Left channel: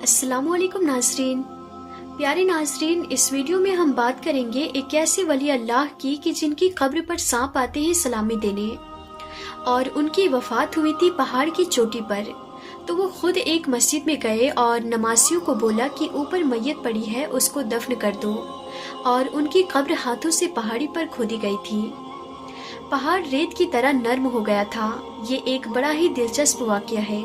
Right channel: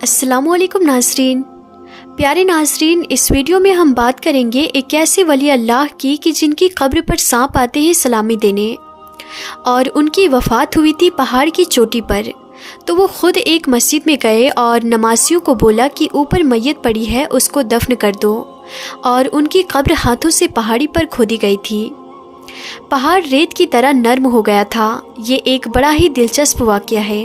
अस्सलाम वालेकुम नाज़रीन। प्यारे नाज़रीन, इस वीडियो में हम बात करेंगे एक ऐसे वली अल्लाह की कि जिनकी कब्र पर सांप आते हैं सलामी देने, और उनकी वफ़ात हुई थी पहाड़ की चोटी पर। तो वो ख़ुद एक मस्जिद में गए और नमाज़ियों को बोला कि ऊपर मैयत पड़ी है, उसको दफन कर दो, और उनकी कब्र हाथों से पहाड़ी पर खोदी गई थी। पहाड़ रेत की तरह नरम हो गया था। ये एक बड़ा ही दिलचस्प वाक़या है।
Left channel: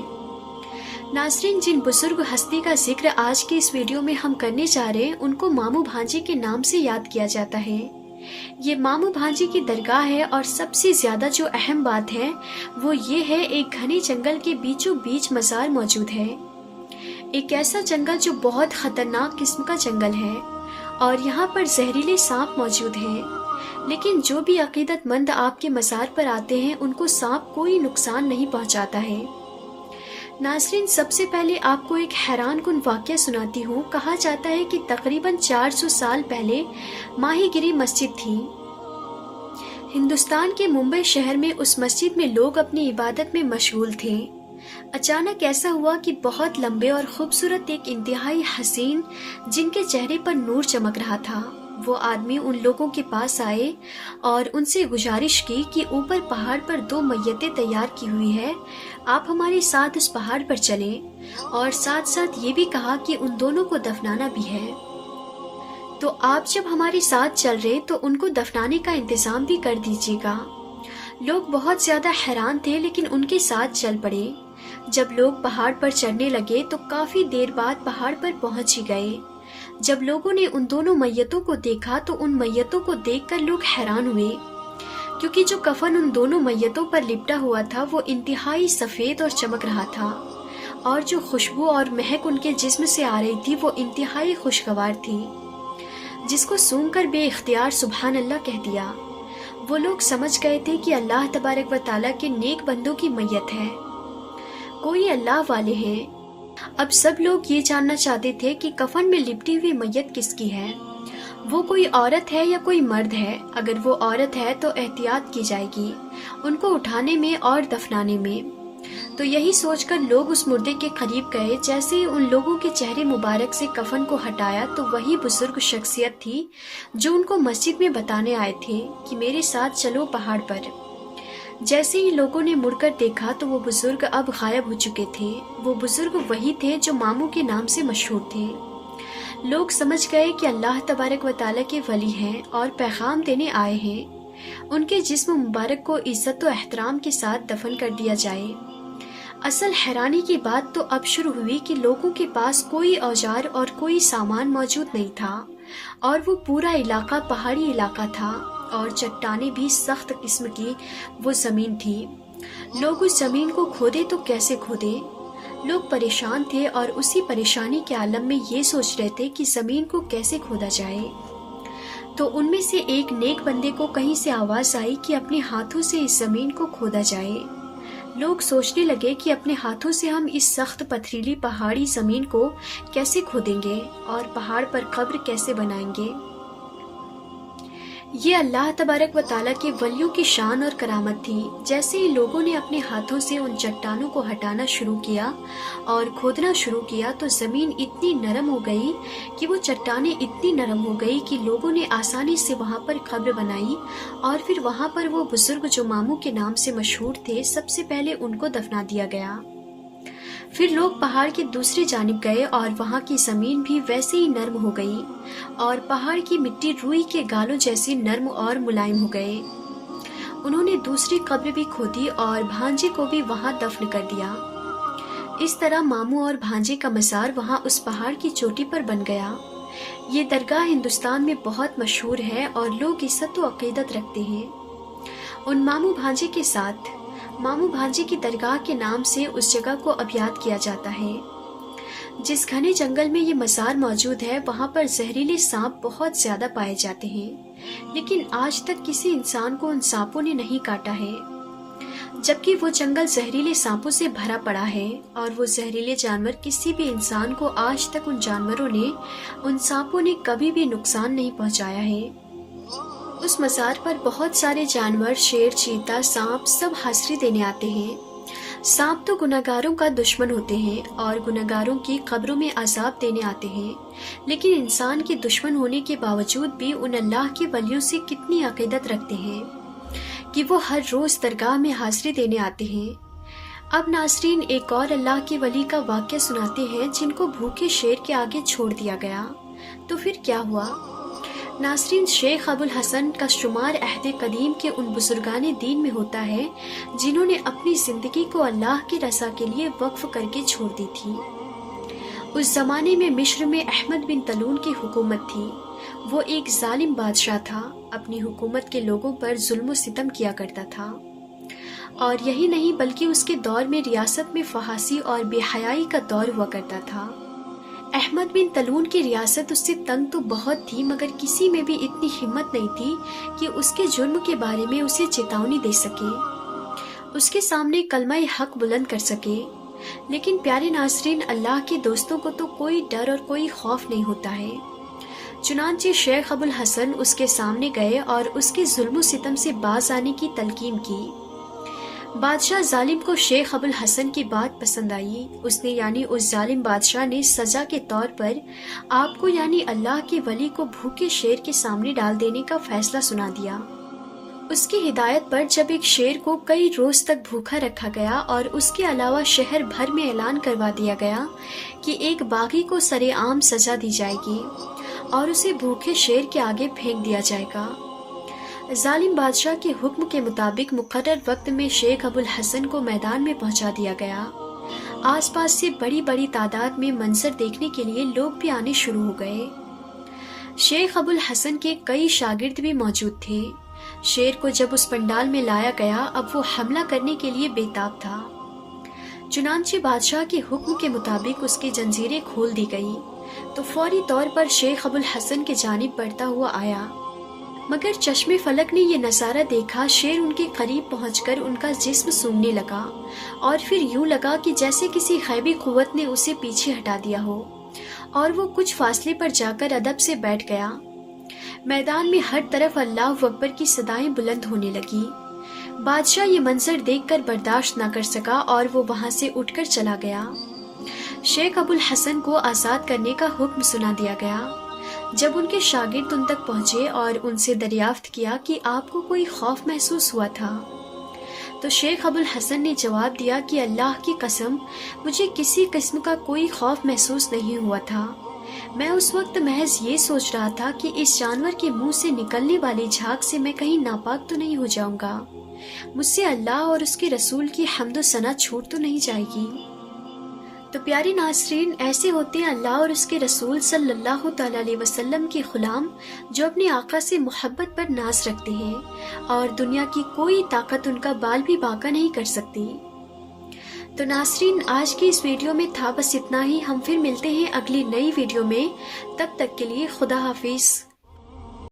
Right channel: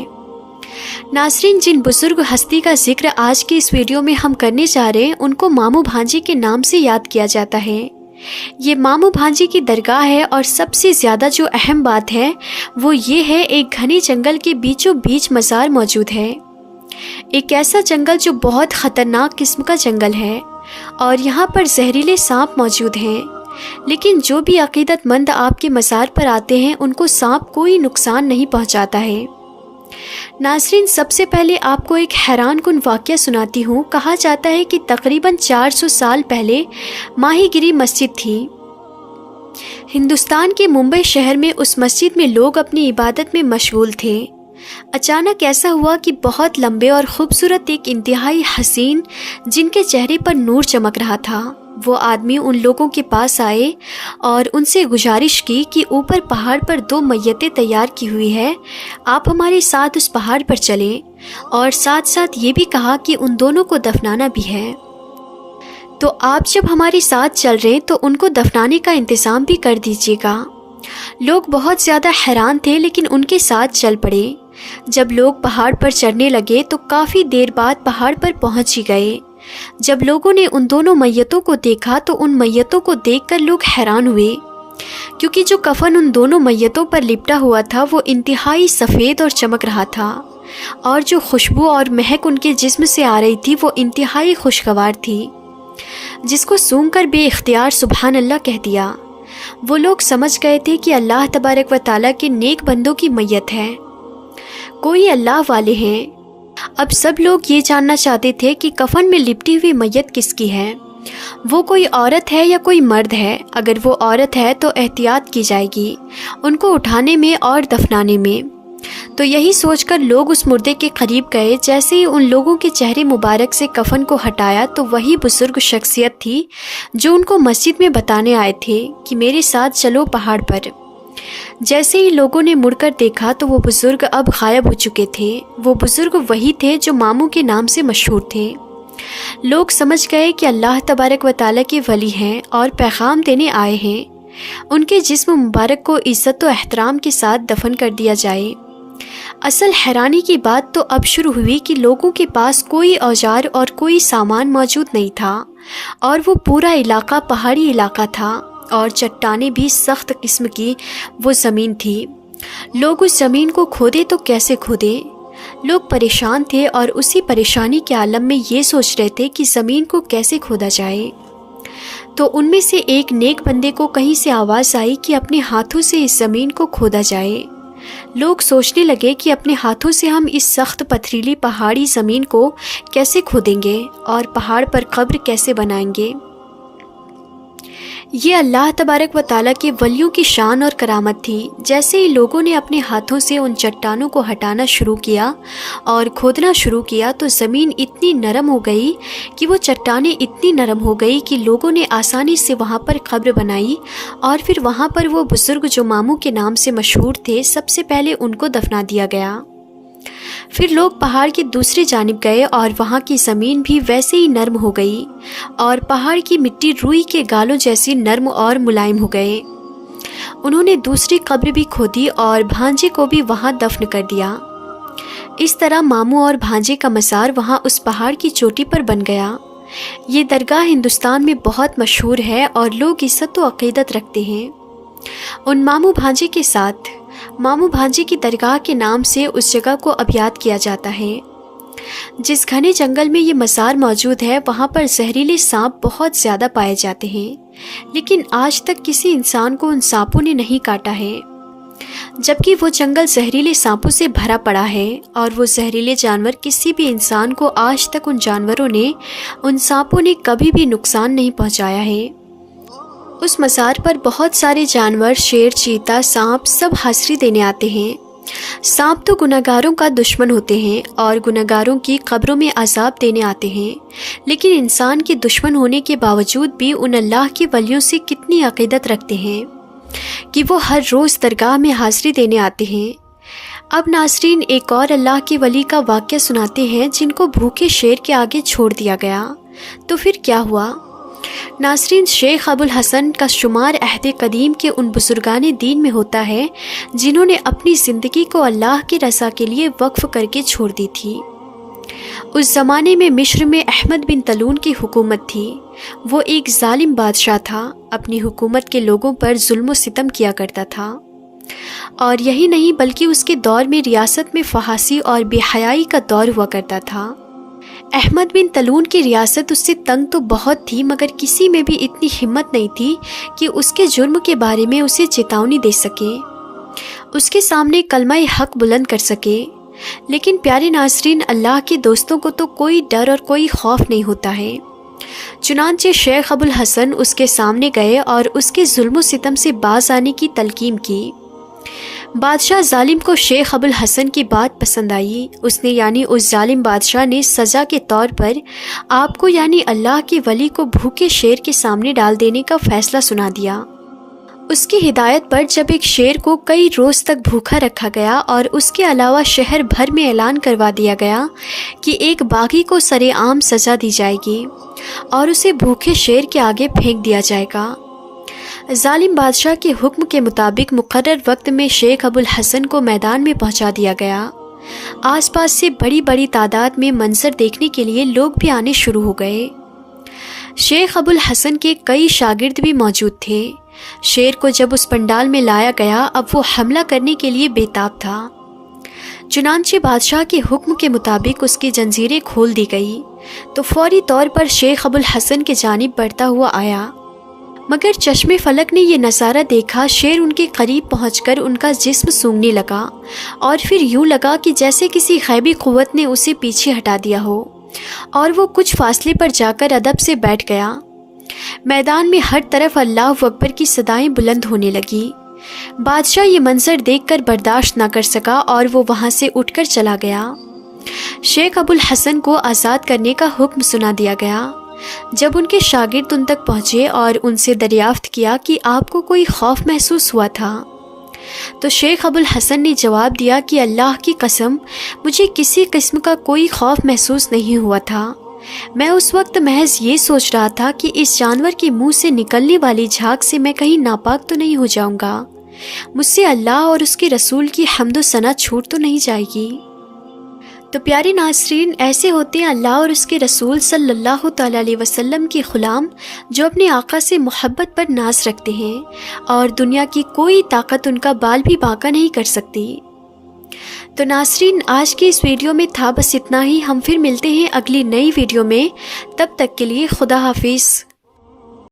नाज़रीन, जिन बुज़ुर्ग हस्ती का जिक्र आज की इस वीडियो में हम करने जा रहे हैं, उनको मामू भांजी के नाम से याद किया जाता है। ये मामू भांजी की दरगाह है, और सबसे ज़्यादा जो अहम बात है वो ये है, एक घने जंगल के बीचों बीच मज़ार मौजूद है। एक ऐसा जंगल जो बहुत ख़तरनाक किस्म का जंगल है, और यहाँ पर जहरीले सांप मौजूद हैं। लेकिन जो भी अक़ीदतमंद आपके मज़ार पर आते हैं, उनको सांप कोई नुकसान नहीं पहुँचाता है। नाज़रीन, सबसे पहले आपको एक हैरान कुन वाक़या सुनाती हूँ। कहा जाता है कि तकरीबन 400 साल पहले माहीगिरी मस्जिद थी। हिंदुस्तान के मुंबई शहर में उस मस्जिद में लोग अपनी इबादत में मशगूल थे। अचानक ऐसा हुआ कि बहुत लंबे और ख़ूबसूरत एक इंतहाई हसीन, जिनके चेहरे पर नूर चमक रहा था, वो आदमी उन लोगों के पास आए और उनसे गुजारिश की कि ऊपर पहाड़ पर 2 मैयतें तैयार की हुई है, आप हमारे साथ उस पहाड़ पर चलें, और साथ साथ ये भी कहा कि उन दोनों को दफनाना भी है। तो आप जब हमारे साथ चल रहे तो उनको दफनाने का इंतज़ाम भी कर दीजिएगा। लोग बहुत ज़्यादा हैरान थे, लेकिन उनके साथ चल पड़े। जब लोग पहाड़ पर चढ़ने लगे तो काफ़ी देर बाद पहाड़ पर पहुँच ही गए। जब लोगों ने उन दोनों मैयतों को देखा तो उन मैयतों को देखकर लोग हैरान हुए, क्योंकि जो कफन उन दोनों मैयतों पर लिपटा हुआ था वो इंतहाई सफ़ेद और चमक रहा था, और जो खुशबू और महक उनके जिस्म से आ रही थी वो इंतहाई खुशगवार थी, जिसको सूंघकर बेइख्तियार सुबहान अल्लाह कह दिया। वो लोग समझ गए थे कि अल्लाह तबारक व तआला के नेक बंदों की मैयत है, कोई अल्लाह वाले हैं। अब सब लोग ये जानना चाहते थे कि कफन में लिपटी हुई मैयत किसकी है, वो कोई औरत है या कोई मर्द है। अगर वो औरत है तो एहतियात की जाएगी उनको उठाने में और दफनाने में। तो यही सोचकर लोग उस मुर्दे के करीब गए। जैसे ही उन लोगों के चेहरे मुबारक से कफन को हटाया तो वही बुजुर्ग शख्सियत थी जो उनको मस्जिद में बताने आए थे कि मेरे साथ चलो पहाड़ पर। जैसे ही लोगों ने मुड़कर देखा तो वो बुज़ुर्ग अब गायब हो चुके थे। वो बुज़ुर्ग वही थे जो मामू के नाम से मशहूर थे। लोग समझ गए कि अल्लाह तबारक व तआला के वली हैं और पैगाम देने आए हैं। उनके जिस्म मुबारक को इज़्ज़त व एहतराम के साथ दफन कर दिया जाए। असल हैरानी की बात तो अब शुरू हुई कि लोगों के पास कोई औजार और कोई सामान मौजूद नहीं था, और वो पूरा इलाका पहाड़ी इलाका था, और चट्टानें भी सख्त किस्म की वो ज़मीन थी। लोग उस ज़मीन को खोदे तो कैसे खोदे। लोग परेशान थे और उसी परेशानी के आलम में ये सोच रहे थे कि ज़मीन को कैसे खोदा जाए। तो उनमें से एक नेक बंदे को कहीं से आवाज़ आई कि अपने हाथों से इस ज़मीन को खोदा जाए। लोग सोचने लगे कि अपने हाथों से हम इस सख्त पथरीली पहाड़ी ज़मीन को कैसे खोदेंगे और पहाड़ पर कब्र कैसे बनाएंगे। ये अल्लाह तबारक व तआला के वलियों की शान और करामत थी। जैसे ही लोगों ने अपने हाथों से उन चट्टानों को हटाना शुरू किया और खोदना शुरू किया तो ज़मीन इतनी नरम हो गई कि वो चट्टानें इतनी नरम हो गई कि लोगों ने आसानी से वहाँ पर कब्र बनाई, और फिर वहाँ पर वो बुज़ुर्ग जो मामू के नाम से मशहूर थे, सबसे पहले उनको दफना दिया गया। फिर लोग पहाड़ की दूसरी जानिब गए और वहाँ की ज़मीन भी वैसे ही नरम हो गई, और पहाड़ की मिट्टी रुई के गालों जैसी नरम और मुलायम हो गए। उन्होंने दूसरी कब्र भी खोदी और भांजे को भी वहाँ दफन कर दिया। इस तरह मामू और भांजे का मज़ार वहाँ उस पहाड़ की चोटी पर बन गया। ये दरगाह हिंदुस्तान में बहुत मशहूर है और लोग इज़्ज़त व अक़ीदत रखते हैं। उन मामू भांजे के साथ मामू भांजे की दरगाह के नाम से उस जगह को अब याद किया जाता है। जिस घने जंगल में ये मज़ार मौजूद है वहाँ पर जहरीले सांप बहुत ज़्यादा पाए जाते हैं, लेकिन आज तक किसी इंसान को उन सांपों ने नहीं काटा है, जबकि वो जंगल जहरीले सांपों से भरा पड़ा है, और वो जहरीले जानवर किसी भी इंसान को आज तक उन सांपों ने कभी भी नुकसान नहीं पहुँचाया है। उस मज़ार पर बहुत सारे जानवर, शेर, चीता, सांप सब हाज़री देने आते हैं। सांप तो गुनहगारों का दुश्मन होते हैं और गुनहगारों की कब्रों में अजाब देने आते हैं, लेकिन इंसान के दुश्मन होने के बावजूद भी उन अल्लाह के वलियों से कितनी अक़ीदत रखते हैं कि वो हर रोज़ दरगाह में हाज़िरी देने आते हैं। अब नाज़रीन एक और अल्लाह के वली का वाक़या सुनाते हैं जिनको भूखे शेर के आगे छोड़ दिया गया। तो फिर क्या हुआ? नाज़रीन, शेख अबुल हसन का शुमार अहद कदीम के उन बुजुर्गान दीन में होता है जिन्होंने अपनी ज़िंदगी को अल्लाह की रज़ा के लिए वक्फ़ करके छोड़ दी थी। उस ज़माने में मिस्र में अहमद बिन तलून की हुकूमत थी। वो एक ज़ालिम बादशाह था, अपनी हुकूमत के लोगों पर जुल्म व सितम किया करता था। और यही नहीं बल्कि उसके दौर में रियासत में फहासी और बेहयाई का दौर हुआ करता था। अहमद बिन तलून की रियासत उससे तंग तो बहुत थी, मगर किसी में भी इतनी हिम्मत नहीं थी कि उसके जुर्म के बारे में उसे चेतावनी दे सके, उसके सामने कलमा हक बुलंद कर सके। लेकिन प्यारे नाज़रीन, अल्लाह के दोस्तों को तो कोई डर और कोई खौफ नहीं होता है। चुनांचे शेख अबुल हसन उसके सामने गए और उसके जुल्म सितम से बाज आने की तलकीन की। बादशाह जालिम को शेख अबुल हसन की बात पसंद आई। उसने यानी उस जालिम बादशाह ने सज़ा के तौर पर आपको यानी अल्लाह के वली को भूखे शेर के सामने डाल देने का फ़ैसला सुना दिया। उसकी हिदायत पर जब एक शेर को कई रोज़ तक भूखा रखा गया और उसके अलावा शहर भर में ऐलान करवा दिया गया कि एक बागी को सरेआम सज़ा दी जाएगी और उसे भूखे शेर के आगे फेंक दिया जाएगा। जालिम बादशाह के हुक्म के मुताबिक मुकर्रर वक्त में शेख अबुल हसन को मैदान में पहुंचा दिया गया। आसपास से बड़ी बड़ी तादाद में मंजर देखने के लिए लोग भी आने शुरू हो गए। शेख अबुल हसन के कई शागिर्द भी मौजूद थे। शेर को जब उस पंडाल में लाया गया, अब वो हमला करने के लिए बेताब था। चुनांचे बादशाह के हुक्म के मुताबिक उसकी जंजीरें खोल दी गई तो फौरी तौर पर शेख अबुल हसन के जानिब बढ़ता हुआ आया, मगर चश्मे फलक ने यह नज़ारा देखा। शेर उनके करीब पहुंचकर उनका जिस्म सूंघने लगा और फिर यूं लगा कि जैसे किसी गैबी क़ुव्वत ने उसे पीछे हटा दिया हो, और वो कुछ फासले पर जाकर अदब से बैठ गया। मैदान में हर तरफ अल्लाह अकबर की सदाएं बुलंद होने लगी। बादशाह ये मंजर देखकर बर्दाश्त ना कर सका और वो वहाँ से उठकर चला गया। शेख अबुल हसन को आज़ाद करने का हुक्म सुना दिया गया। जब उनके शागिर्द उन तक पहुँचे और उनसे दरियाफ्त किया कि आपको कोई खौफ महसूस हुआ था, तो शेख अबुल हसन ने जवाब दिया कि अल्लाह की कसम, मुझे किसी किस्म का कोई खौफ महसूस नहीं हुआ था। मैं उस वक्त महज ये सोच रहा था कि इस जानवर के मुंह से निकलने वाली झाग से मैं कहीं नापाक तो नहीं हो जाऊंगा, मुझसे अल्लाह और उसके रसूल की हम्द व सना छूट तो नहीं जाएगी। तो प्यारे नाज़रीन, ऐसे होते हैं अल्लाह और उसके रसूल सल्लल्लाहु तआला अलैहि वसल्लम के ग़ुलाम जो अपने आका से मोहब्बत पर नाज रखते हैं और दुनिया की कोई ताकत उनका बाल भी बांका नहीं कर सकती। तो नाज़रीन, आज की इस वीडियो में था बस इतना ही। हम फिर मिलते हैं अगली नई वीडियो में। तब तक के लिए खुदा हाफिज़।